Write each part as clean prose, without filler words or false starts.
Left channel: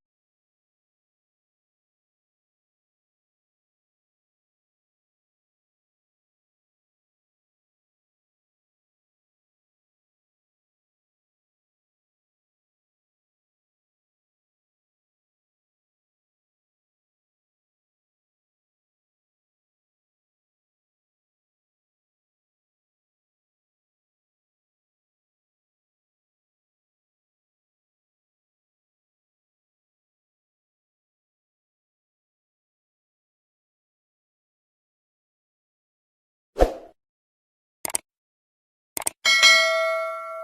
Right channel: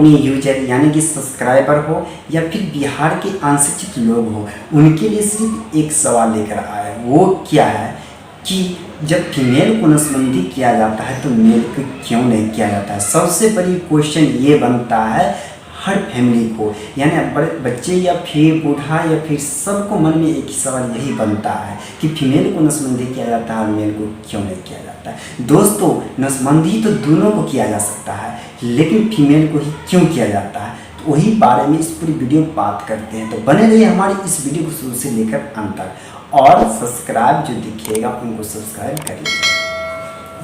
अपने यूजर यानी कि सब्सक्राइबर हो या फिर बिहार के अनशिक्षित लोग हो, उनके लिए सिर्फ एक सवाल लेकर आया। वो क्या है कि जब फीमेल को नसबंदी किया जाता है तो मेल को क्यों नहीं किया जाता है। सबसे बड़ी क्वेश्चन ये बनता है हर फैमिली को, यानी बड़े बच्चे या फिर बूढ़ा या फिर सबको मन में एक ही सवाल यही बनता है कि फीमेल को नसबंदी किया जाता है और मेल को क्यों नहीं किया जाता है। दोस्तों, नसबंदी तो दोनों को किया जा सकता है, लेकिन फीमेल को ही क्यों किया जाता है, तो वही बारे में इस पूरी वीडियो में बात करते हैं। तो बने रहिए हमारी इस वीडियो को शुरू से लेकर अंत तक, और सब्सक्राइब जो दिखेगा उनको सब्सक्राइब कर लीजिए।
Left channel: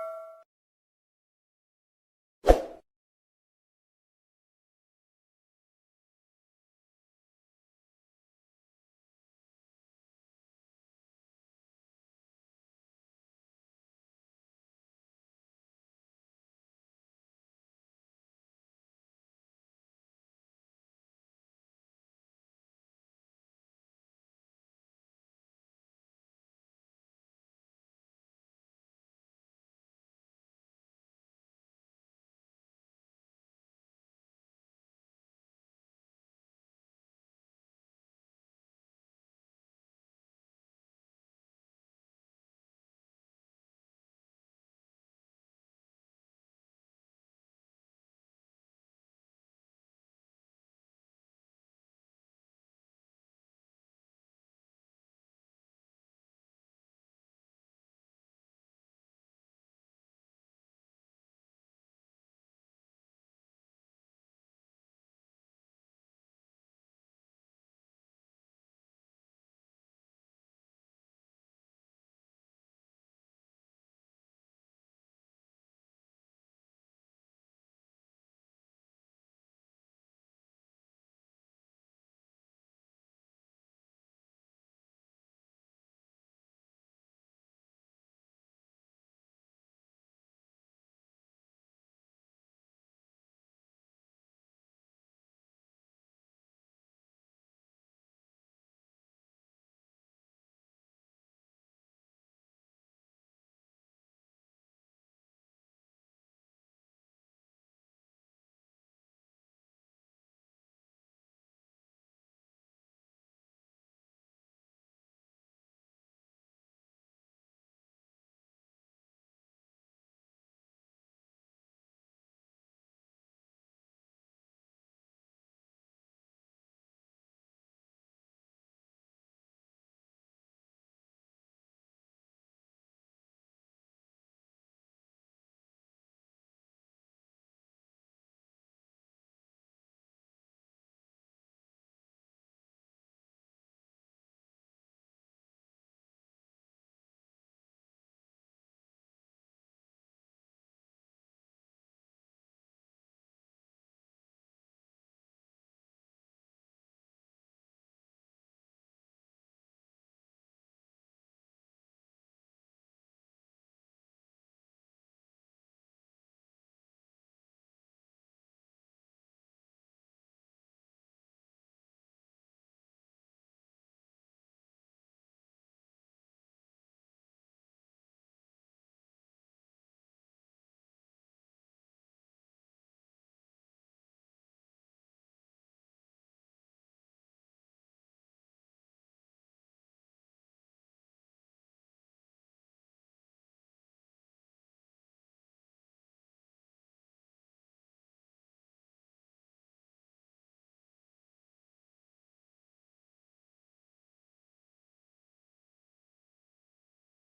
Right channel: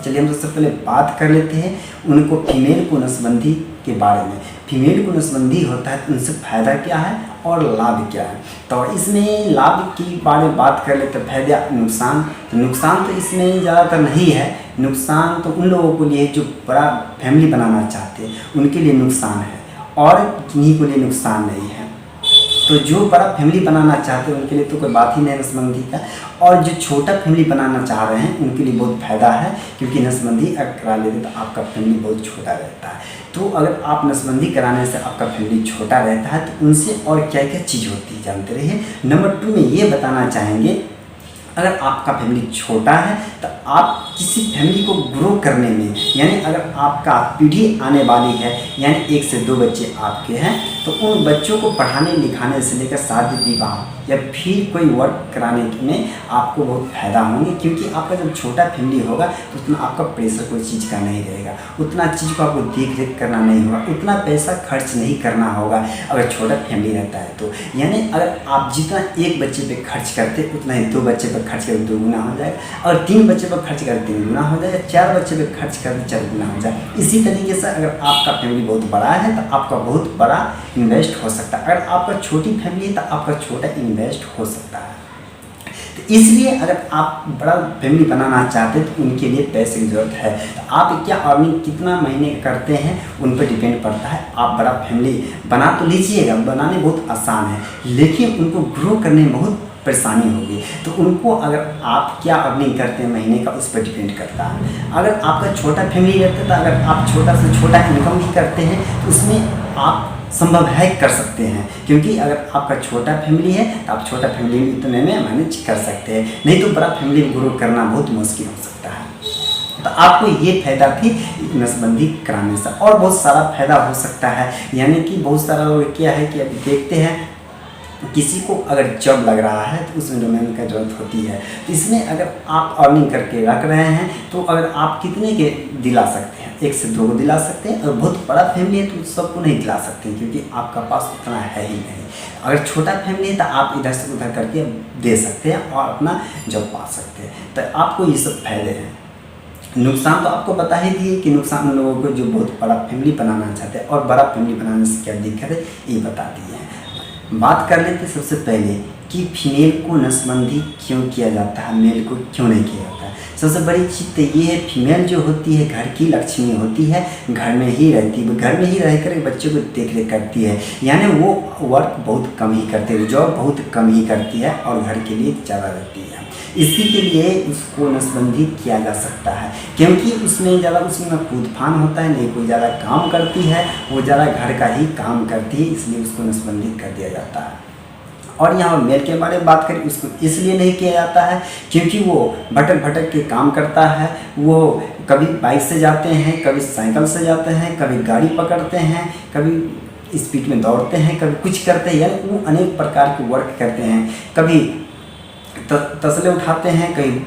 चलिए हम सबसे पहले बात कर लेते हैं उनको फीमेल को नसबंदी के बारे में। फीमेल को नसबंदी होता है तो उनसे फ़ायदा क्या है और लाभ क्या है। तो इसमें लाभ के बारे में बात कर लेते हैं। फायदा नुकसान, तो नुकसान तो इसमें ज़्यादातर नहीं है। नुकसान तो उन लोगों के लिए जो बड़ा फैमिली बनाना चाहते हैं उनके लिए नुकसान है, और किन्हीं को लिए नुकसान नहीं है। तो जो बड़ा फैमिली बनाना चाहते हैं उनके लिए तो कोई बात ही नहीं नसबंदी का, और जो छोटा फैमिली बनाना चाह रहे हैं उनके लिए बहुत फ़ायदा है, क्योंकि नसबंदी अगर करा लेते तो आपका फैमिली बहुत छोटा रहता है। तो अगर आप नसबंदी कराने से आपका फैमिली छोटा रहता है तो उनसे और क्या क्या चीज़ होती है जानते रहिए। नंबर 2 में ये बताना चाहेंगे, अगर आपका फैमिली छोटा है तो आप किसी फैमिली को ग्रो करने में, यानी अगर आपका पीढ़ी आने वाली है, यानी 1 से 2 बच्चे आपके हैं, तो उन बच्चों को पढ़ाने लिखाने से लेकर शादी विवाह या फिर कोई वर्क कराने में आपको बहुत फ़ायदा होंगे। क्योंकि आपका जब छोटा फैमिली होगा तो उतना आपका प्रेशर कोई चीज़ का नहीं रहेगा, उतना चीज़ को आपको देख रेख करना नहीं होगा, उतना पैसा खर्च नहीं करना होगा अगर छोटा फैमिली रहता है तो। यानी अगर आप जितना एक बच्चे पे खर्च करते उतना ही 2 बच्चे पर खर्च करते 2 गुना हो जाएगा, और 3 बच्चे पर खर्च करते 3 गुना हो जाएगा, 4 बच्चे पर खर्च करते 4 गुना हो जाए। इसी तरीके से अगर आपका फैमिली बहुत बड़ा है तो आपका बहुत बड़ा इन्वेस्ट हो सकता है, अगर आपका छोटी फैमिली है तो आपका छोटा इन्वेस्ट हो सकता है। तो इसलिए अगर आप बड़ा फैमिली बनाना चाहते हैं तो उनके लिए पैसे की ज़रूरत है। तो आप क्या अर्निंग कितना महीने करते हैं उन पर डिपेंड पड़ता है। आप बड़ा फैमिली बना तो लीजिएगा, बनाने बहुत आसान है, लेकिन उनको ग्रो करने में बहुत परेशानी होगी। तो उनको अगर आप क्या अर्निंग करते हैं महीने का उस पर डिपेंड करता है। अगर आपका छोटा फैमिली रहता है तो अगर आप छोटा से छोटा इनकम भी करते हैं तो उसमें आप संभव है कर सकते हैं, क्योंकि अगर आपका छोटा फैमिली है तो आप छोटा फैमिली में इतने में मैनेज कर सकते हैं, नहीं तो बड़ा फैमिली ग्रो करना बहुत मुश्किल हो सकता है। तो आपको ये फ़ायदा थी नसबंदी कराने से, और बहुत सारा फ़ायदा हो सकता है। यानी कि बहुत सारा लोग क्या है कि अभी देखते हैं किसी को अगर जॉब लग रहा है तो उसमें डोमेन का ज़रूरत होती है। तो इसमें अगर आप अर्निंग करके रख रहे हैं तो अगर आप कितने के दिला सकते हैं, 1 से 2 को दिला सकते हैं, और बहुत बड़ा फैमिली है तो सबको नहीं दिला सकते हैं, क्योंकि आपका पास उतना है ही नहीं। अगर छोटा फैमिली है तो आप इधर से उधर करके दे सकते हैं और अपना जॉब पा सकते हैं। तो आपको ये सब फायदे हैं। नुकसान तो आपको बता ही दिए कि नुकसान उन लोगों को जो बहुत बड़ा फैमिली बनाना चाहते हैं, और बड़ा फैमिली बनाने से क्या दिक्कत है ये बता दिए हैं। बात कर लेते सबसे पहले कि फीमेल को नसबंदी क्यों किया जाता है, मेल को क्यों नहीं किया जाता है। सबसे बड़ी चीज़ तो ये है, फीमेल जो होती है घर की लक्ष्मी होती है, घर में ही रहती है, घर में ही रहकर बच्चों को देख रेख करती है, यानी वो वर्क बहुत कम ही करती है, जॉब बहुत कम ही करती है और घर के लिए ज़्यादा रहती है। इसी के लिए उसको नसबंदी किया जा सकता है, क्योंकि उसमें ज़्यादा उसमें कूद फान होता है, नहीं कोई ज़्यादा काम करती है, वो ज़्यादा घर का ही काम करती है, इसलिए उसको नसबंदी कर दिया जाता है। और यहाँ मेल के बारे में बात करें, उसको इसलिए नहीं किया जाता है क्योंकि वो भटक भटक के काम करता है। वो कभी बाइक से जाते हैं, कभी साइकिल से जाते हैं, कभी गाड़ी पकड़ते हैं, कभी स्पीड में दौड़ते हैं, कभी कुछ करते हैं, यानी वो अनेक प्रकार के वर्क करते हैं। कभी तसले उठाते हैं, कहीं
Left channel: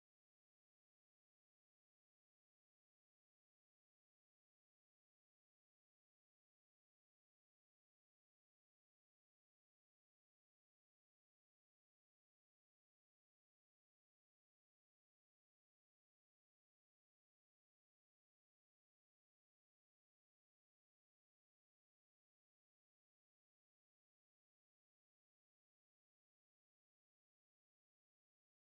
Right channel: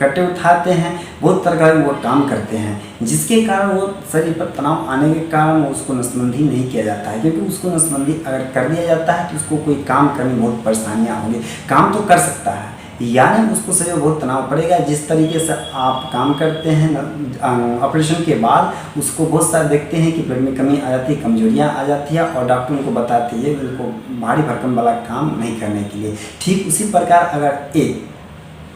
कट्टे उठाते हैं, बहुत तरह का वो काम करते हैं, जिसके कारण वो शरीर पर तनाव आने के कारण उसको नसबंदी नहीं किया जाता है। क्योंकि उसको नसबंदी अगर कर दिया जाता है तो उसको कोई काम करने में बहुत परेशानियाँ होंगी। काम तो कर सकता है, यानी उसको शरीर में बहुत तनाव पड़ेगा। जिस तरीके से आप काम करते हैं ऑपरेशन के बाद, उसको बहुत सारे देखते हैं कि ब्लड में कमी आ जाती है, कमजोरियाँ आ जाती है, और डॉक्टर उनको बताते हैं उनको भारी भरकम वाला काम नहीं करने के लिए। ठीक उसी प्रकार अगर एक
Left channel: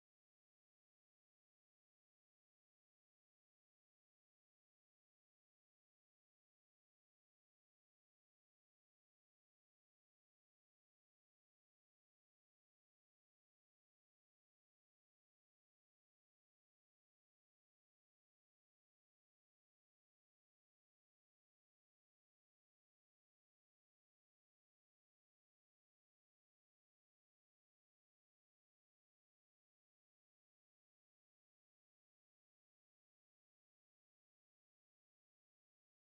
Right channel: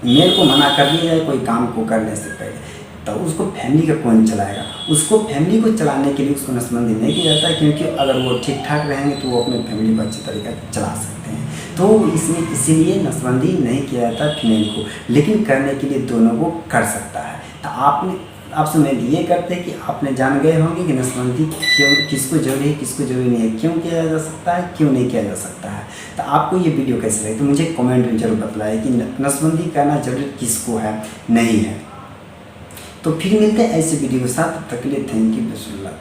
मेल को मना कर दिया जाए कोई काम को करने से पहले, तो उसको फैमिली का कौन चलाएगा। उसको फैमिली को चलाने के लिए उसको नसबंदी नहीं किया जाता है, क्योंकि अगर वो ठीक ठाक रहेंगे तो वो अपने फैमिली को अच्छे तरीके से चला सकते हैं। तो इसमें इसीलिए नसबंदी नहीं किया जाता फीमेल को, लेकिन करने के लिए दोनों को कर सकता है। तो आपने ऑप्शन में ये करते हैं कि आपने जान गए होंगे कि नसबंदी क्यों, किसको जरूरी है, किसको जरूरी नहीं है, क्यों किया जा सकता है, क्यों नहीं किया जा सकता है। तो आपको ये वीडियो कैसी लगी तो मुझे कमेंट में जरूर बताइए कि नसबंदी करना जरूरी किसको है, नहीं है। तो फिर मिलते हैं ऐसे वीडियो के साथ, तब तक के लिए thank you, best of luck.